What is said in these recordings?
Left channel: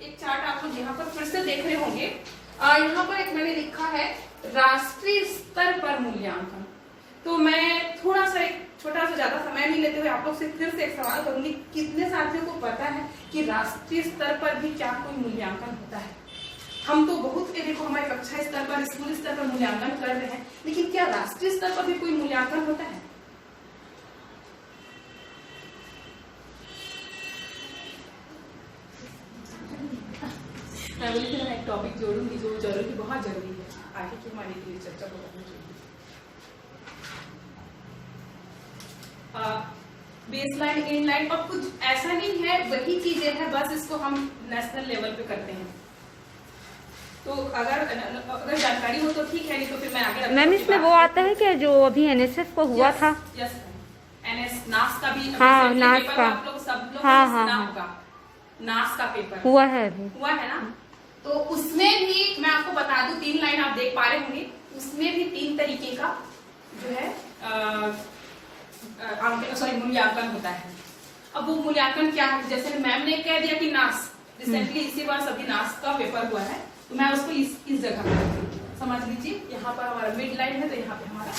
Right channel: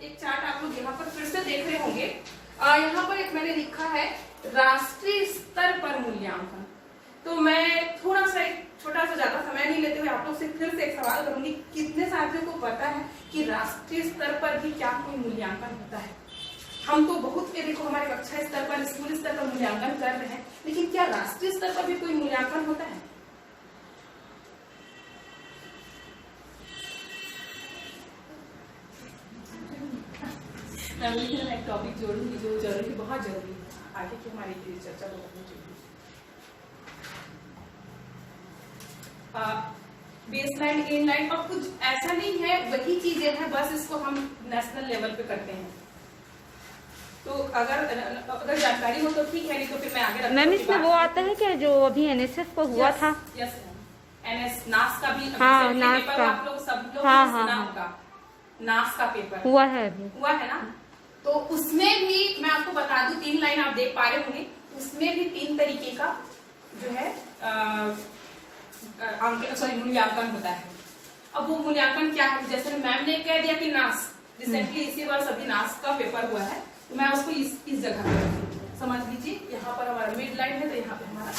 एक चार्ट आप लोग यहाँ पर फिर से देख रहे होंगे। यहाँ पर एक मैंने लिखा है राष्ट्रीय स्तर पर मूल्यांकन। तो मैं थोड़ा सा एक छोटा सा ज्यादा समय नहीं लेते हुए आप लोग से फिर से एक सवाल करूंगी, कितने साथियों को पता है कि राष्ट्रीय स्तर पर भी क्या कोई मूल्यांकन होता है? हम तो बहुत देखो हमारे कक्षा स्तर पर, स्कूल स्तर पर मूल्यांकन कर रहे हैं, लेकिन क्या राष्ट्रीय स्तर पर भी कोई मूल्यांकन होता है? मैं बोली कि मैं एक टॉपिक जोड़ूंगी जो जरूरी, बहुत जरूरी है आगे की हमारी चर्चा को करनी चाहिए। बेसलाइन, इनलाइन और कुछ ऐसा नहीं है, वही चीजें हैं, बस इसको हम नेशनल लेवल पे करते हैं। तो अगर जानकारी हो तो ठीक है, नहीं तो फिर मैं आगे। मैम इसमें वो आता है क्या जो अभी एनएसएस को हुआ था? यस एनएस नास का भी। हाँ नास का, आप लोग सब लोग हाँ हाँ नास का पेपर हुआ है अभी, हुआ है ना। तो उसमें भी मैं आपको बता दूं, 3 लाइन आप देख पा रहे होंगे, उसमें भी 3 तरीके का जो है मूल्यांकन होता है। अब वो मूल्यांकन क्या है, जैसे मैम ने कह दिया कि नास, रिसेंटली इसी बार सभी नास का पेपर हुआ है, तो मैं उसको इस जगह पे रखती हूँ। समझ लीजिए यहाँ पर हमारा मिड लाइन है, तो यहाँ पे हमारा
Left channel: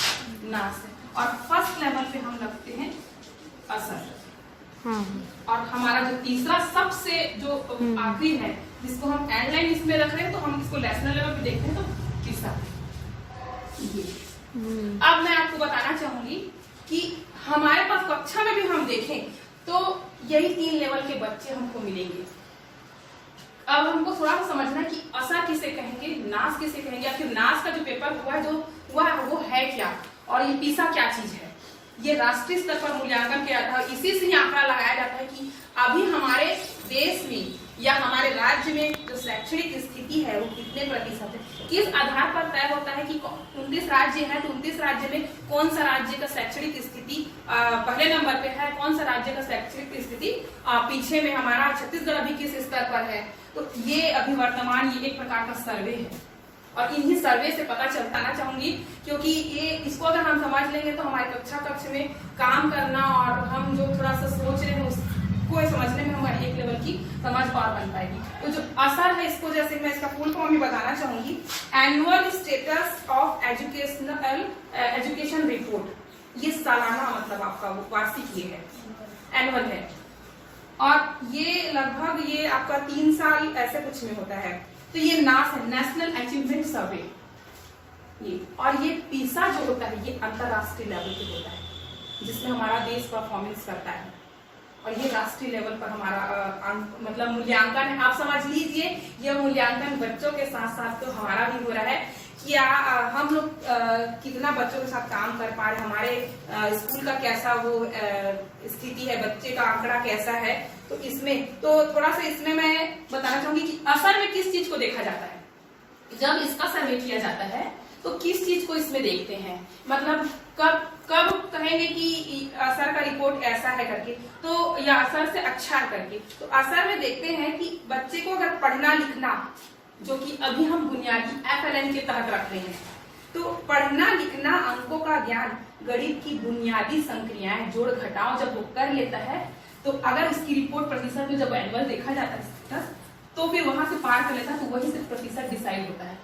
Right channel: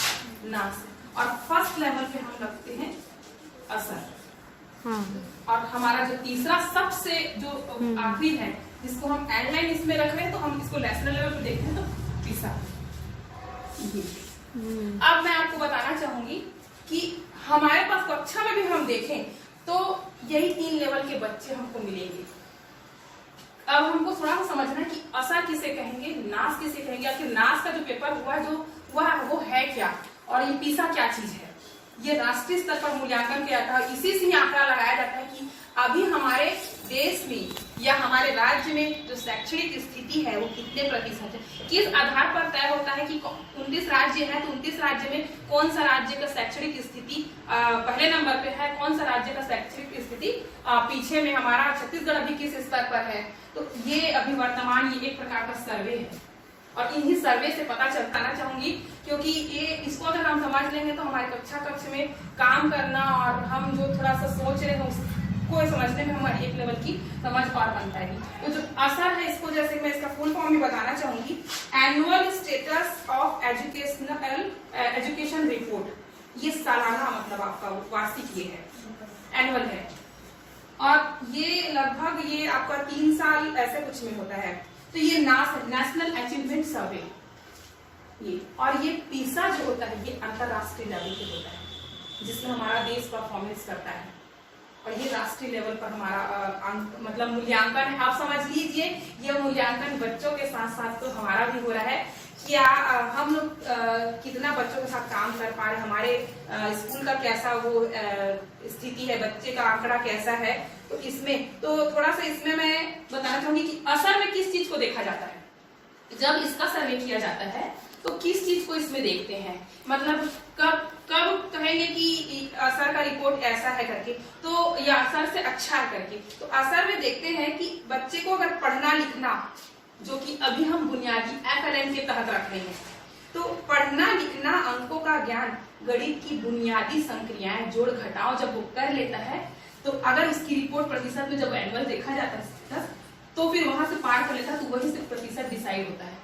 नास है, और फर्स्ट लेवल पे हम रखते हैं असर। हाँ। और हमारा जो तीसरा सबसे जो आखिरी है, जिसको हम एंड लाइन इसमें रख रहे हैं, तो हम इसको नेशनल लेवल पे देखते हैं, तो तीसरा ये। अब मैं आपको बताना चाहूंगी कि हमारे पास कक्षा में भी हम देखें तो यही 3 लेवल के बच्चे हमको मिलेंगे। अब हमको थोड़ा सा समझना कि असर किसे कहेंगे, नास किसे कहेंगे, या फिर नास का जो पेपर हुआ जो हुआ वो है क्या, और ये पीसा क्या चीज है। ये राष्ट्रीय स्तर पर मूल्यांकन किया जाता है, इसी से ही आंकड़ा लगाया जाता है कि अभी हमारे देश में या हमारे राज्य में जो शैक्षणिक स्थिति है वो कितने प्रतिशत है। किस आधार पर तय होता है कि 29 राज्य है, तो 29 राज्य में कौन सा राज्य का शैक्षणिक स्थिति पहले नंबर पे है, कौन सा राज्य का शैक्षणिक स्थिति पीछे में, हमारा छत्तीसगढ़ अभी किस स्तर पर है। तो ये अभी वर्तमान ये एक प्रकार का सर्वे है, और इन्हीं सर्वे से पता चलता ना चाहूंगी, क्योंकि ये इसको अगर हम समझ लेंगे तो हमारे कक्ष में काम करना और हम जो थोड़ा सा सोच रहे हैं उसको समझने में हमारी एक लेवल की समझ और बन पाएगी। तो जो असर है, इसको जैसे मैं इसका फुल फॉर्म भी बताना चाहूंगी, annual status of education report. ये सालाना मतलब आपका वार्षिक ये है, एनुअल है, और ये लगभग ये आपका 3 साल ऐसे कुछ में होता है। तो ये नास है, नेशनल अचीवमेंट सर्वे ये, और ये पीसा जो होता है ये अंतरराष्ट्रीय लेवल पे होता है, जिसमें हमारा देश परफॉर्मेंस करता है, और ये राष्ट्रीय लेवल पर हमारा मतलब मूल्यांकन है। आप समझ लीजिए ये मूल्यांकन बच्चों के साथ साथ तो हमारा भी हो रहा है, क्या हम लोग कितना बच्चों के साथ काम कर पा रहे, हमारे स्कूल का कैसा वो स्थिति है, बच्चे का आंकड़ा कैसा है। तो इसमें तो थोड़ा सा इसमें मैं बताना चाहूंगी कि असर में किस चीज को देखा जाता है। जब इसका सर्वे किया जाता है तो किस चीज को इसमें देखते हैं, मतलब कब कहेंगे कि असर का रिपोर्ट ऐसा है करके, तो या असर से अच्छा है करके। तो असर में देखते हैं कि बच्चे को अगर पढ़ना लिखना, जो कि अभी हम बुनियादी FLN के तहत रख रहे हैं, तो पढ़ना लिखना, अंकों का ज्ञान, गणित की बुनियादी संक्रियाएं, जोड़ घटाव जब वो कर लेता है, तो अगर इसकी रिपोर्ट प्रतिशत में जब एनुअल देखा जाता है तो फिर वहां से पार कर लेता है, तो वही से प्रतिशत डिसाइड होता है।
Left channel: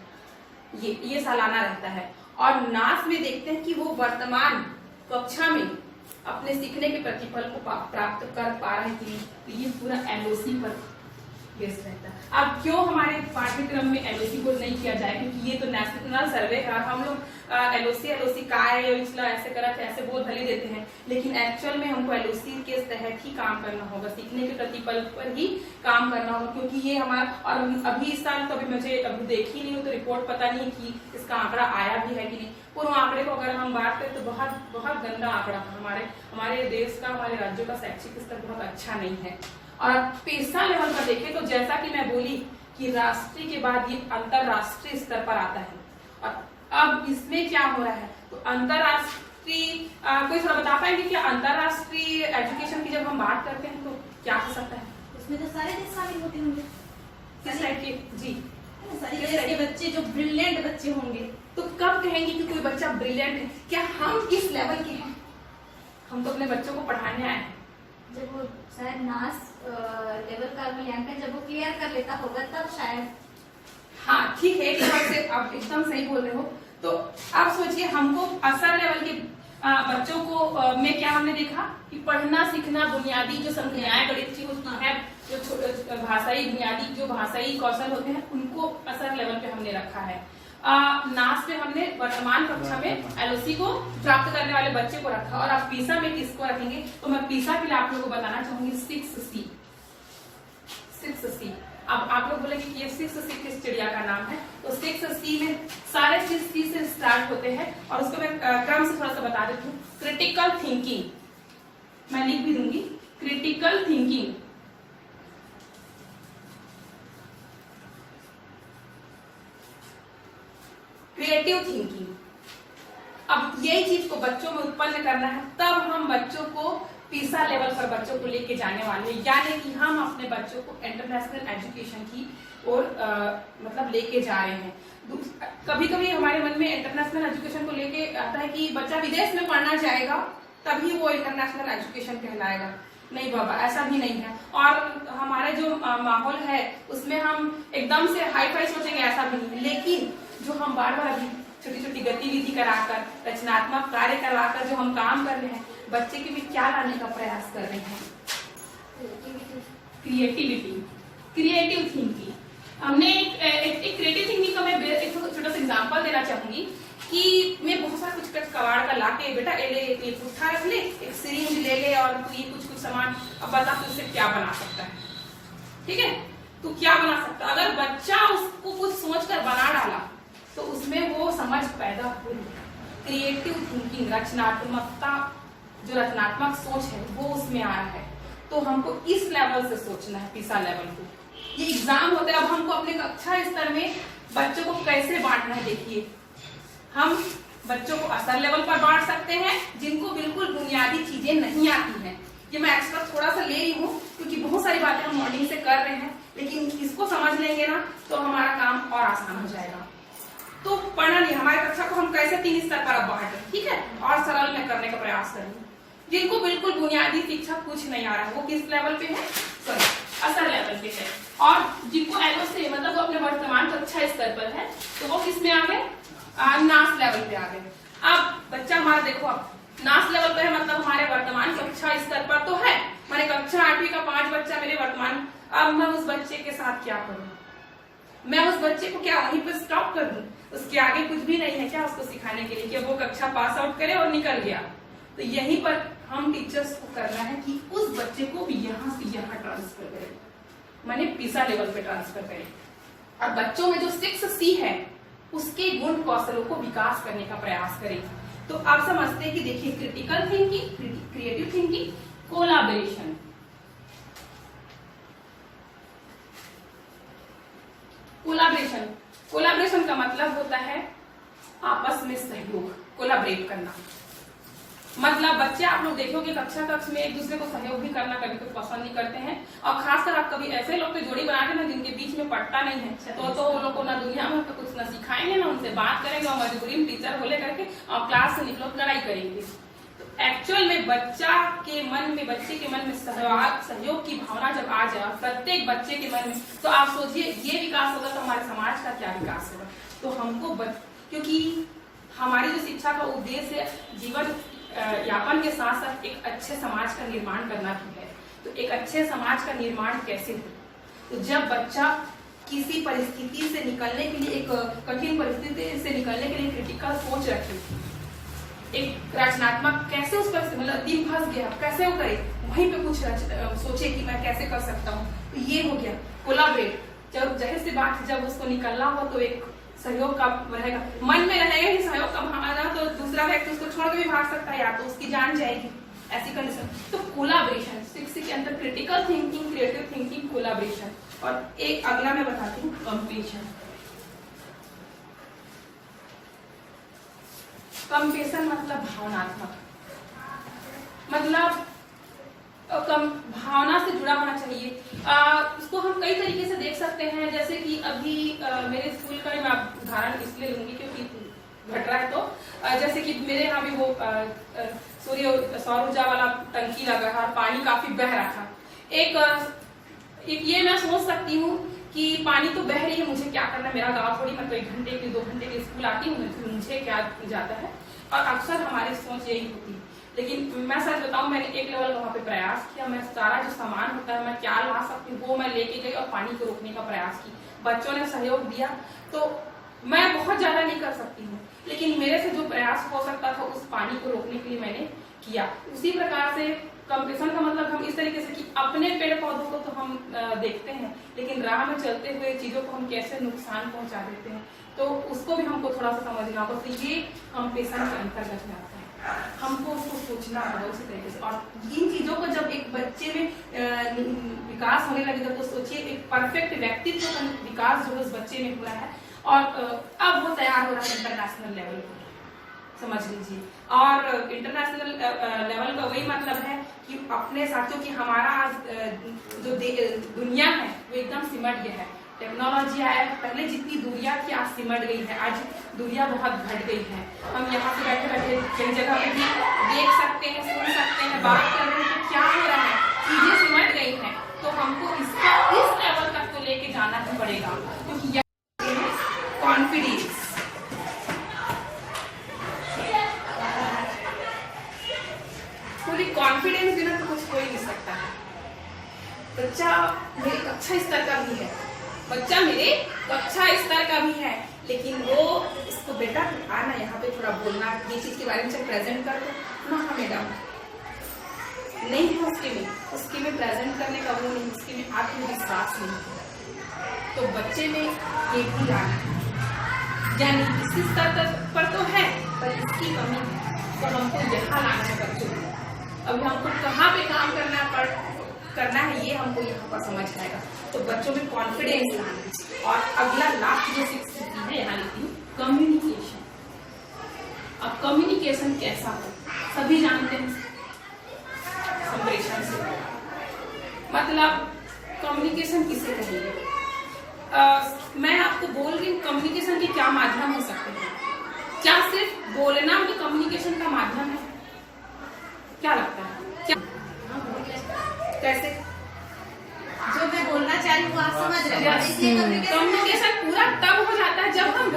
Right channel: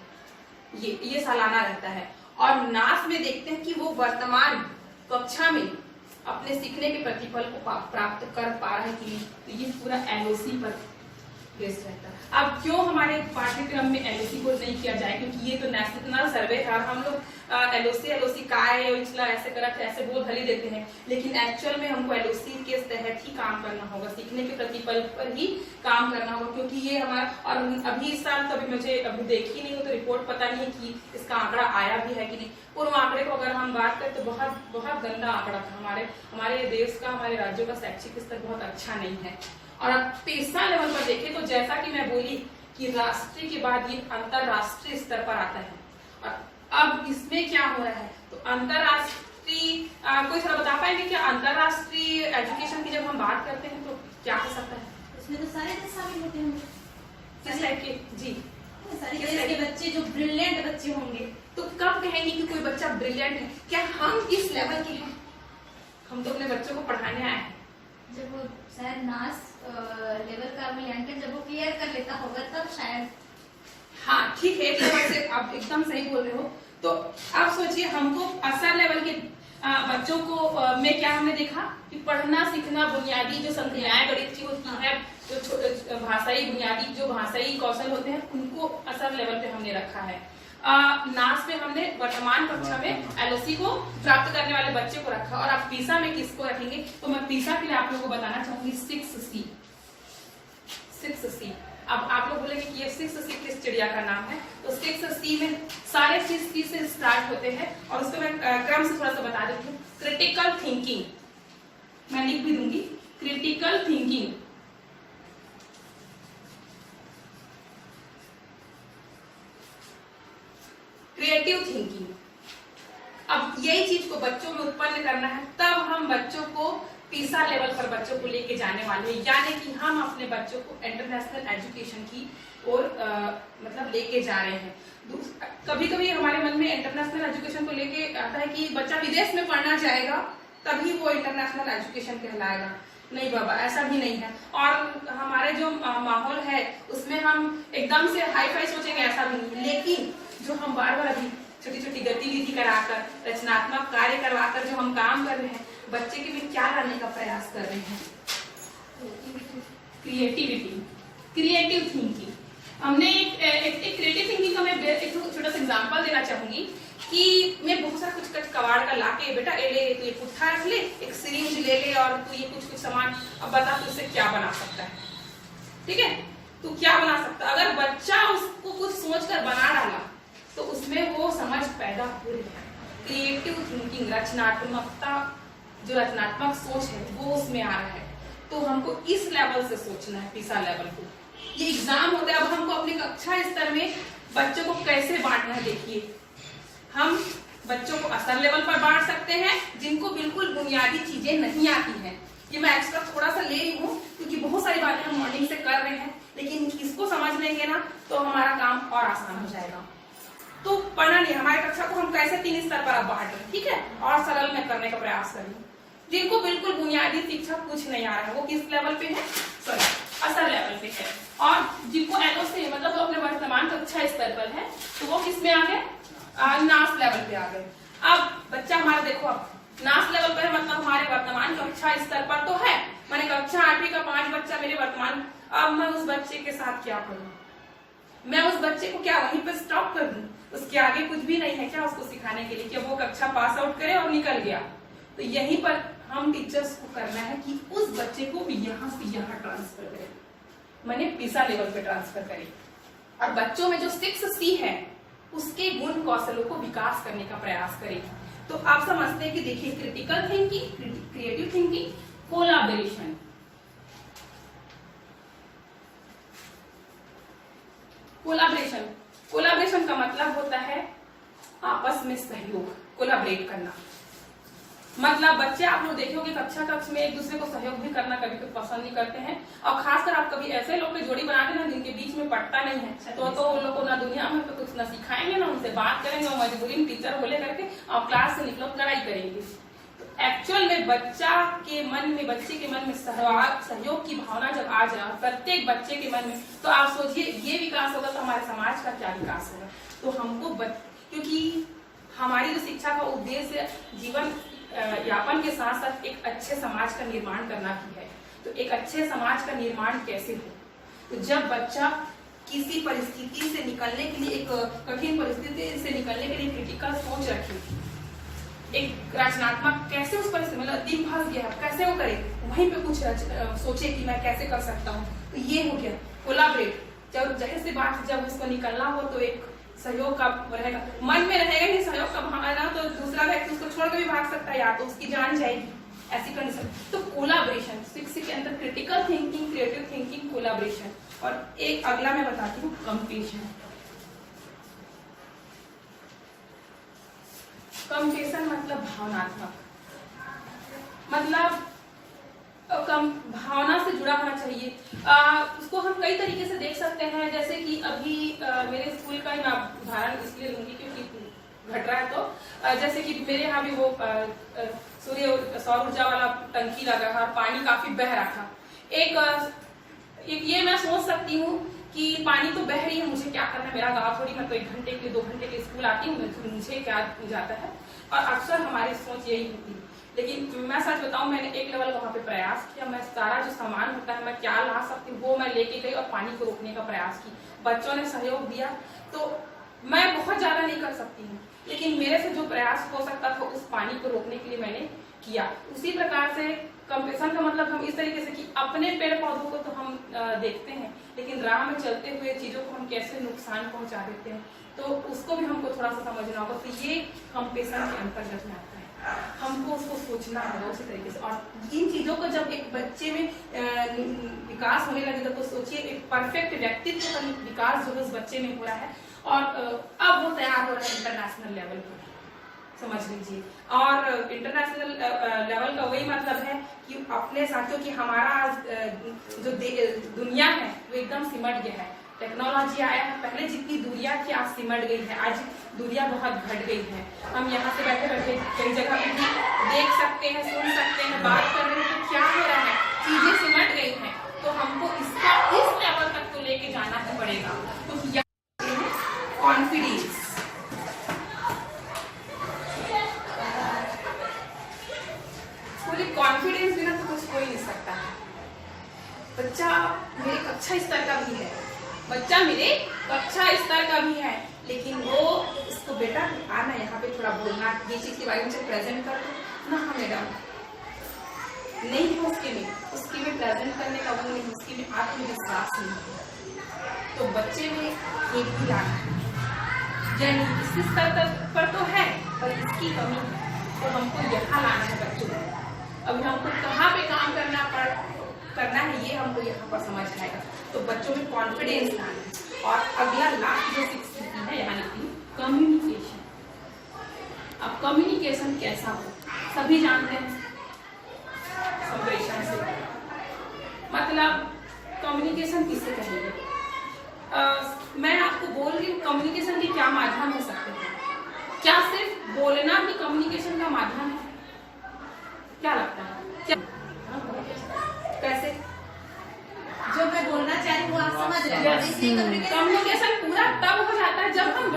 ये सालाना रहता है। और नास में देखते हैं कि वो वर्तमान कक्षा में अपने सीखने के प्रतिफल को प्राप्त कर पा रहा है कि नहीं। तो ये पूरा LOC पर बेस्ड रहता है। अब क्यों हमारे पाठ्यक्रम में LOC को नहीं किया जाए, क्योंकि ये तो नेशनल सर्वे है, हम लोग LOC का है ऐसे करा ऐसे बोल भले देते हैं, लेकिन एक्चुअल में हमको LOC के तहत ही काम करना होगा, सीखने के प्रतिफल पर ही काम करना होगा, क्योंकि ये हमारा। और अभी इस साल कभी मुझे अभी देखी नहीं हो तो रिपोर्ट पता नहीं है कि इसका आंकड़ा आया भी है कि नहीं। पूर्व आंकड़े को अगर हम बात करें तो बहुत गंदा आंकड़ा था। हमारे देश का, हमारे राज्यों का शैक्षिक स्तर बहुत अच्छा नहीं है। और पीसा लेवल पर देखें तो जैसा कि मैं बोली कि राष्ट्रीय के बाद ये अंतरराष्ट्रीय स्तर पर आता है। और अब इसमें क्या हो रहा है, तो अंतरराष्ट्रीय कोई थोड़ा बता पाएंगे क्या अंतरराष्ट्रीय एजुकेशन की जब हम बात करते हैं तो क्या हो सकता है? इसमें तो सारे देश शामिल होते होंगे। किस टाइप के? जी, सारे देश के बच्चे जो ब्रिलियंट बच्चे होंगे। तो कब कहेंगे कि कोई बच्चा ब्रिलियंट है? क्या हम इस लेवल के हैं? हम तो अपने बच्चों को पढ़ाने आए हैं। जब वो शायद नास लेवल का मूल्यांकन जब वो क्लियर कर लेता होगा तब शायद। हाँ ठीक है, एक लेवल से आप एकदम सही बोल रहे हो। तो आप सोचिए, हमको असर लेवल के बच्चों को में क्या हमने देखा कि पढ़ना सीखना बुनियादी जो संक्रियाएं गणित की होती है, जो भाषाई बुनियादी जो भाषाई कौशल होते हैं, उनको असर लेवल पे हमने रखा है। नास में हमने वर्तमान कक्षा में एलओसी को प्राप्त करने वाले बच्चे को रखा, और आप पीसा में किसको रखेंगे? तो मैं पीसा के लिए आप लोगों को बताना चाहूंगी 6C। 6C। अब आप लोग बोलेंगे कि ये 6C किस चिड़िया का नाम है? तो 6C में सारे चीज C से स्टार्ट होते हैं, और उसको मैं क्रम से थोड़ा सा बता देती हूँ। क्रिटिकल थिंकिंग, मैं लिख भी दूंगी, क्रिटिकल थिंकिंग, क्रिएटिव थिंकिंग। अब यही चीज को बच्चों में उत्पन्न करना है, तब हम बच्चों को पीसा लेवल पर बच्चों को लेके जाने वाले हैं, यानी कि हम अपने बच्चों को इंटरनेशनल एजुकेशन की ओर मतलब लेके जा रहे हैं। कभी कभी हमारे मन में इंटरनेशनल एजुकेशन को लेके आता है कि बच्चा विदेश में पढ़ना जाएगा तभी वो इंटरनेशनल एजुकेशन कहलाएगा। नहीं बाबा, ऐसा भी नहीं है। और हमारा जो माहौल है उसमें हम एकदम से हाई फाई सोचेंगे, ऐसा भी नहीं है। लेकिन जो हम बार बार अभी छोटी छोटी गतिविधि कराकर, रचनात्मक कार्य करवाकर जो हम काम कर रहे हैं, बच्चे के में क्या लाने का प्रयास कर रहे हैं? Creativity, creative thinking. हमने एक क्रिएटिव थिंकिंग का मैं एक छोटा सा एग्जांपल देना चाहूंगी कि मैं बहुत सारा कुछ कबाड़ का लाके, बेटा ये पुट्ठा रख ले, एक सिरिंज ले ले, और तू ये कुछ सामान, अब बता तू इससे क्या बना सकता है? ठीक है, तू क्या बना सकता? अगर बच्चा उसको कुछ सोचकर बना डाला तो उसमें वो समझ पैदा हो रही है। क्रिएटिव थिंकिंग, रचनात्मकता, जो रचनात्मक सोच है वो उसमें आ रहा है। तो हमको इस लेवल से सोचना है, पीसा लेवल को। ये एग्जाम होता है। अब हमको अपने कक्षा स्तर में बच्चों को कैसे बांटना है? देखिए, हम बच्चों को असर लेवल पर बांट सकते हैं, जिनको बिल्कुल बुनियादी चीजें नहीं आती हैं। ये मैं एक्स्ट्रा थोड़ा सा ले रही हूँ क्योंकि बहुत सारी बातें हम मॉर्निंग से कर रहे हैं, लेकिन इसको समझ लेंगे ना तो हमारा काम और आसान हो जाएगा। तो पढ़ना नहीं, हमारी कक्षा को हम कैसे 3 स्तर पर अब बांट रहे हैं, ठीक है, और सरल में करने का प्रयास करेंगे। जिनको बिल्कुल बुनियादी शिक्षा कुछ नहीं आ रहा है वो किस लेवल पे है? सॉरी, असर लेवल पे है। और जिनको एलओसी मतलब वो अपने वर्तमान कक्षा स्तर पर है, तो वो किस में आ गए? नास लेवल पे आ गए। अब बच्चा हमारा देखो, अब नास लेवल पे है, मतलब हमारे वर्तमान कक्षा स्तर पर तो है, मैंने कक्षा 8वीं का 5 बच्चा मेरे वर्तमान। अब मैं उस बच्चे के साथ क्या करूं? मैं उस बच्चे को क्या वहीं पे स्टॉप कर दूं? उसके आगे कुछ भी नहीं है क्या उसको सिखाने के लिए कि वो कक्षा पास आउट करे और निकल गया? तो यहीं पर हम टीचर्स को करना है कि उस बच्चे को यहाँ से यहाँ ट्रांसफर करें, माने पीसा लेवल पे ट्रांसफर करें, और बच्चों में जो 6C है उसके गुण कौशलों को विकास करने का प्रयास करें। तो आप समझते हैं कि देखिए, critical thinking, creative thinking, collaboration. Collaboration, collaboration का मतलब होता है आपस में सहयोग, कोलैबोरेट करना। मतलब बच्चे आप लोग देखोगे कक्षा कक्ष में एक दूसरे को सहयोग भी करना कभी कभी पसंद नहीं करते हैं, और खासकर आप कभी ऐसे लोग की जोड़ी बना के ना जिनके बीच में पट्टा नहीं है, तो उन लोग को ना दुनिया में तो कुछ ना सिखाएंगे ना उनसे बात करेंगे, और मजबूरी में टीचर बोले करके और क्लास से निकलो लड़ाई करेंगे। तो एक्चुअल में बच्चा के मन में, बच्चे के मन में सहयोग की भावना जब आ जाए प्रत्येक बच्चे के मन में, तो आप सोचिए ये विकास होगा तो हमारे समाज का क्या विकास होगा। तो हमको क्योंकि हमारी जो शिक्षा का उद्देश्य जीवन यापन के साथ साथ एक अच्छे समाज का निर्माण करना भी है। तो एक अच्छे समाज का निर्माण कैसे हो? तो जब बच्चा किसी परिस्थिति से निकलने के लिए, एक कठिन परिस्थिति से निकलने के लिए क्रिटिकल सोच रखे, एक रचनात्मक, कैसे उस परिस्थिति, मतलब दिन फंस गया कैसे वो करे, वहीं पे कुछ सोचे कि मैं कैसे कर सकता हूँ। तो ये हो गया कोलैबोरेट। जब जाहिर सी बात, जब उसको निकलना हो तो एक सहयोग का रहेगा, मन में रहेगा ही सहयोग का भावना, तो दूसरा व्यक्ति उसको छोड़ के भी भाग सकता है या तो उसकी जान जाएगी, ऐसी कंडीशन। तो कोलैबोरेशन 6 के अंदर critical thinking, creative thinking, collaboration. और एक अगला मैं बताती हूँ, कंपेशन। कंपेशन मतलब भावनात्मक, मतलब भावना से जुड़ा होना चाहिए। उसको हम कई तरीके से देख सकते हैं, जैसे कि अभी मेरे स्कूल का ही मैं उदाहरण इसलिए लूंगी क्योंकि घट रहा है। तो जैसे कि मेरे यहाँ भी वो सौर ऊर्जा वाला टंकी लगा है और पानी काफी बह रहा था। एक ये मैं सोच सकती हूँ कि पानी तो बह रही है, मुझे क्या करना है, मेरा गाँव थोड़ी, मैं तो 1 घंटे के 2 घंटे के स्कूल आती हूँ, तो मुझे क्या जाता है। और अक्सर हमारी सोच यही होती है। लेकिन मैं सच बताऊं, मैंने एक लेवल वहाँ पे प्रयास किया, मैं सारा जो सामान होता है मैं क्या ला सकती हूँ वो मैं लेके गई और पानी को रोकने का प्रयास की। बच्चों ने सहयोग दिया, तो मैं बहुत ज्यादा नहीं कर सकती हूँ, लेकिन मेरे से जो प्रयास हो सकता था उस पानी को रोकने के लिए मैंने किया। उसी प्रकार से कंपटीशन का मतलब हम इस तरीके से कि अपने पेड़ पौधों को तो हम देखते हैं, लेकिन राह में चलते हुए चीजों को हम कैसे नुकसान पहुंचा देते हैं, तो उसको भी हमको थोड़ा सा समझना होगा। तो ये कंपटीशन के अंतर्गत में आता है, हमको उसको सोचना होगा उसी तरीके से। और इन चीजों को जब एक बच्चे में विकास होने लगेगा, तो सोचिए एक परफेक्ट व्यक्तित्व का विकास जो उस बच्चे में हो रहा है, और अब वो तैयार हो रहा है इंटरनेशनल लेवल पर, समझ लीजिए। और इंटरनेशनल लेवल का वही मतलब है कि अपने साथियों की हमारा आज जो दुनिया है वो एकदम सिमट गया है। टेक्नोलॉजी आया है, पहले जितनी दूरियां थी आज सिमट गई है, आज दूरियां बहुत घट गई है। हम यहाँ से बैठे बैठे कई जगह पे भी देख सकते हैं, सुन सकते हैं, बात कर रहे हैं, तो क्या हो रहा है, चीजें सिमट गई हैं। तो हमको इसका इस लेवल तक तो लेके जाना ही पड़ेगा। तो कॉन्फिडेंस, कॉन्फिडेंस बिना तो कुछ हो ही नहीं सकता है। बच्चा मेरे कक्षा स्तर का भी है, बच्चा मेरे कक्षा स्तर का भी है, लेकिन वो इसको बेटा आना यहाँ पे थोड़ा बोलना, ये चीज के बारे में जब प्रेजेंट कर दो ना, हाँ मैडम, नहीं है उसके में प्रेजेंट करने का वो नहीं, उसके में आत्मविश्वास नहीं है। तो बच्चे में एक भी लाना है, यानी इसी स्तर पर तो है पर इसकी कमी है, तो हमको यहाँ लाना है बच्चों को। अभी हमको कहाँ पे काम करना है ये हमको यहाँ पर समझ आएगा। तो बच्चों में कॉन्फिडेंस लाना है। और अगला लास्ट जो स्थिति है यहाँ लिखती हूँ, कम्युनिकेशन। अब कम्युनिकेशन कैसा हो, सभी जानते हैं, संप्रेषण से मतलब कम्युनिकेशन किसे कहेंगे। मैं आपको बोल रही हूँ कम्युनिकेशन के क्या माध्यम हो सकते हैं। क्या सिर्फ बोलना भी कम्युनिकेशन का माध्यम है? क्या लगता है, क्या कैसे? जो मैं बोलना चाह रही हूँ आप समझ रहे हैं। कम्युनिकेशन पूरा तब हो जाता है जब हम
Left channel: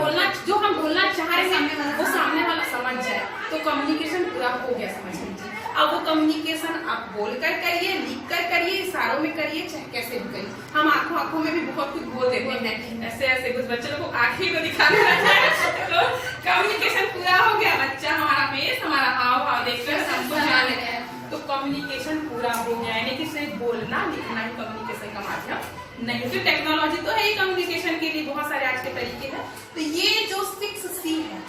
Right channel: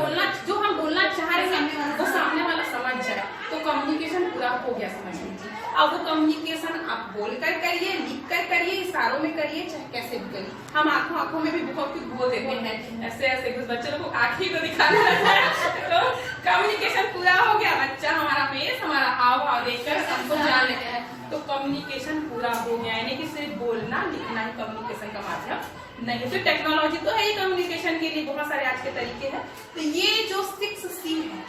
बोलना चाह रहे हैं वो सामने वाला समझ जाए, तो कम्युनिकेशन पूरा हो गया, समझ लीजिए। अब वो कम्युनिकेशन आप बोल कर करिए, लिख कर करिए, इशारों में करिए, चाहे कैसे भी करिए। हम आंखों में भी बहुत कुछ बोल देते हैं, ऐसे कुछ बच्चे लोग को आंखें को दिखाना रहता है, तो कम्युनिकेशन पूरा हो गया। बच्चा हमारा फेस, हमारा हाव भाव देखकर सबको जान लेता है, तो कम्युनिकेशन पूरा हो गया। यानी कि सिर्फ बोलना लिखना ही कम्युनिकेशन का माध्यम नहीं। तो टेक्नोलॉजी तो है ही कम्युनिकेशन के लिए, बहुत सारे आज के तरीके हैं। तो ये जो 6C है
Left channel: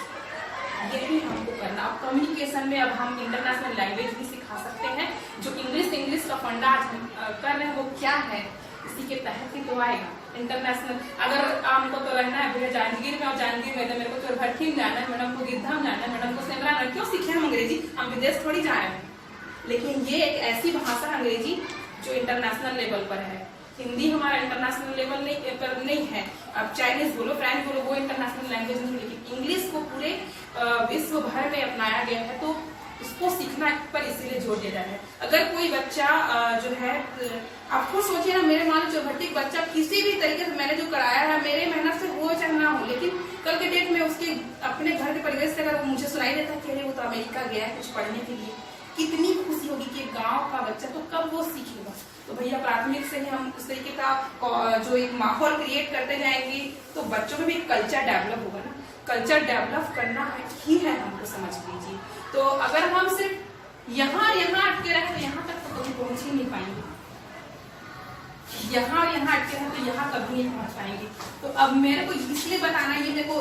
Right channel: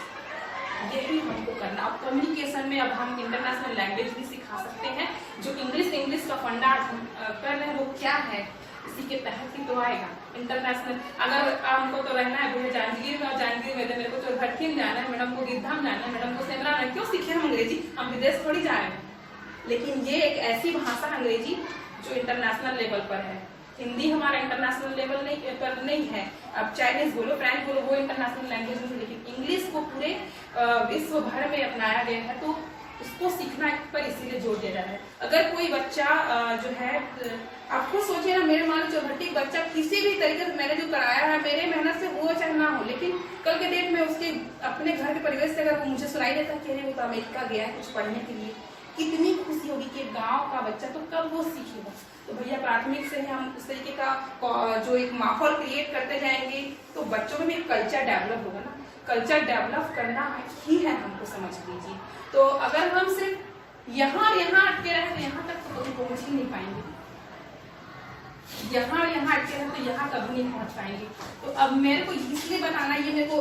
यही हमको करना। अब कम्युनिकेशन में अब हम इंटरनेशनल लैंग्वेज भी सिखा सकते हैं। जो इंग्लिश का फंडा आज हम कर रहे हैं वो क्या है, इसी के तहत ही तो आएगा इंटरनेशनल। अगर हमको तो रहना है भैया जांजगीर में, और जांजगीर में मेरे को चोरभट्टी में जाना है, मैडम को गिरधाम जाना है, मैडम को सेमरा में, क्यों सीखे हम अंग्रेजी? हम विदेश थोड़ी जा रहे हैं। लेकिन ये एक ऐसी भाषा है अंग्रेजी जो इंटरनेशनल लेवल पर है। हिंदी हमारा इंटरनेशनल लेवल पर नहीं है। अब चाइनीज बोलो, फ्रेंच बोलो, वो इंटरनेशनल लैंग्वेज नहीं, लेकिन इंग्लिश को पूरे विश्व भर में अपनाया गया है, तो उसको सीखना पर इसीलिए जोर दिया जा रहा है। अगर कोई बच्चा जो है, आप खुद सोचिए ना, मेरे मान चौभट्टी बच्चा किसी भी तरीके से मैंने जो कराया है, मेरे मेहनत से हो चाहे ना हो, लेकिन कल के डेट में उसके अपने घर के परिवेश से अगर मुझे सुनाई देता कि अरे वो तो अमेरिका गया है कुछ पढ़ने के लिए, कितनी खुशी होगी कि गांव का बच्चा, तो कब वो सीखेगा? तो भैया प्राथमिक से ही हम उस तरीके का जो एक माहौल क्रिएट करते जाएंगे, तो बच्चों में भी एक कल्चर डेवलप होगा ना। कल्चर डेवलप करना ही है हमको, समझ लीजिए। तो अगर हम सिर्फ यहाँ अटके रहे तो यहाँ तक तो कभी पहुंच ही नहीं पाएंगे, यहाँ अटके रहे तो यहाँ कभी नहीं पहुंच पाएंगे। तो अब मेरे को इसलिए बताना, ये मेरे को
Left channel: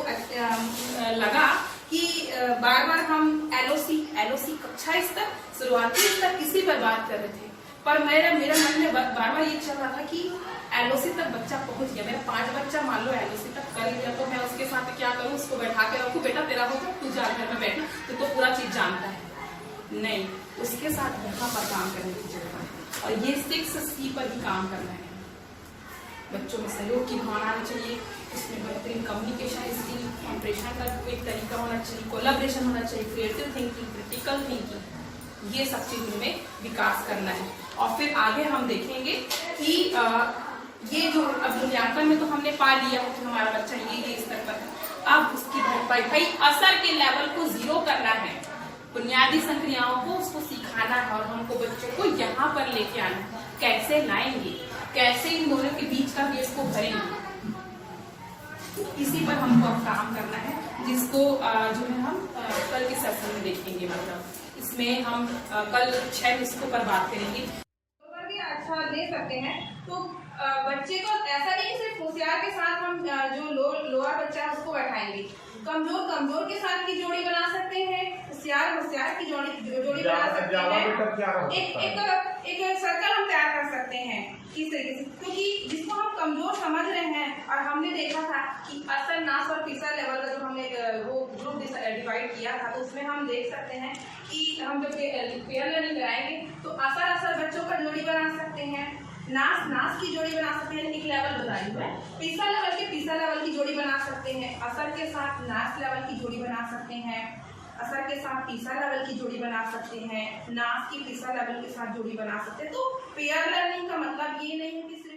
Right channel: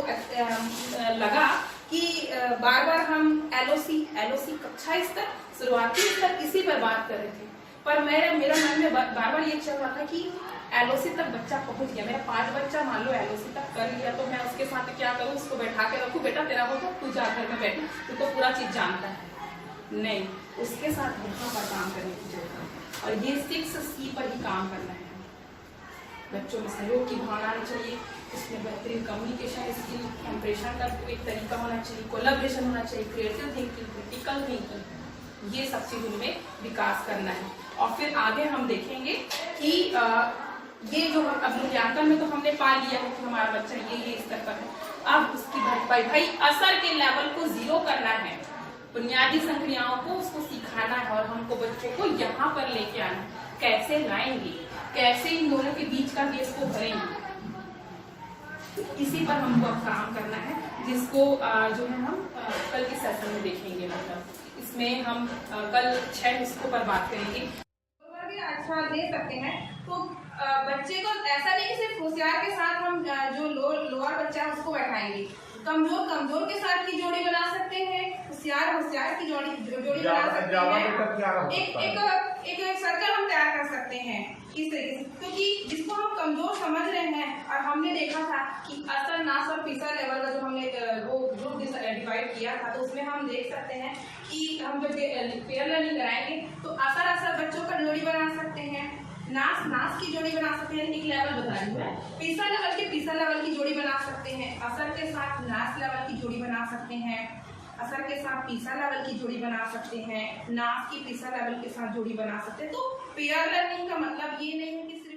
लगा कि बार बार हम एलओसी कक्षा स्तर, शुरुआती स्तर किसी पर बात कर रहे थे, पर मेरा मन में बार बार ये चल रहा था कि एलओसी तक बच्चा पहुंच गया, मेरा 5 बच्चा मान लो एलओसी तक कर लिया, तो मैं उसके साथ क्या करूं, उसको बैठा के रखूं, बेटा तेरा होगा तू जा घर में बैठ, तो पूरा चीज जानता है नहीं, उसके साथ यहाँ पर काम करने की जरूरत है। और ये 6C पर ही काम करना है। बच्चों में सहयोग की भावना आनी चाहिए, उसमें बेहतरीन कम्युनिकेशन स्किल, संप्रेषण का एक तरीका होना चाहिए, कोलैबोरेशन होना चाहिए, क्रिएटिव थिंकिंग, क्रिटिकल थिंकिंग, ये सब चीज उनमें विकास करना है। और फिर आगे हम देखेंगे कि ये जो अब मूल्यांकन में तो हमने पा लिया कि हमारा बच्चा ये स्तर पर है, अब उसकी भरपाई भाई असर के लेवल को 0 करना है, बुनियादी संक्रियाओं को उसको सिखाना है और हमको बच्चों को यहाँ पर लेके आना है। कैसे लाएंगे, कैसे इन दोनों के बीच का केस को भरेंगे, इसी पर हमको अब काम करना है, जिसको जो है हम कल के सेशन में देखेंगे। मतलब इसमें हम कल 6 इसको पर बात करेंगे। भी अच्छा दे सकते हैं तो बच्चे को ऐसा नहीं कि सिर्फ होशियार के साथ हम जो लोअर बच्चा है उसको बैठाएंगे, कमजोर के साथ की जोड़ी बना सकते हैं, होशियार की जोड़ी बना सकते हैं। एक सर्कल हम तैयार कर सकते हैं किस तरीके से, क्योंकि जिसको हम कमजोर समझ रहे हैं और हमने देखा था कि असर, नास और पीसा लेवल का जो हमने वो ग्रुप डिवाइड किया था, तो उसमें हम देख सकते हैं कि हम जब पेयर लर्निंग कराएंगे तो असर बच्चों का जोड़ी बना सकते हैं, नास की जोड़ी बना सकते हैं, एक लेवल बता रही हूँ, पीसा लेवल की जोड़ी बना सकते हैं, असर के साथ नास लेवल की जोड़ी बना सकते हैं, असर के साथ पीसा लेवल की जोड़ी बना सकते हैं, नास की पीसा लेवल के साथ जोड़ी बना सकते हैं। तो पेयर लर्निंग का मतलब ये नहीं है कि सिर्फ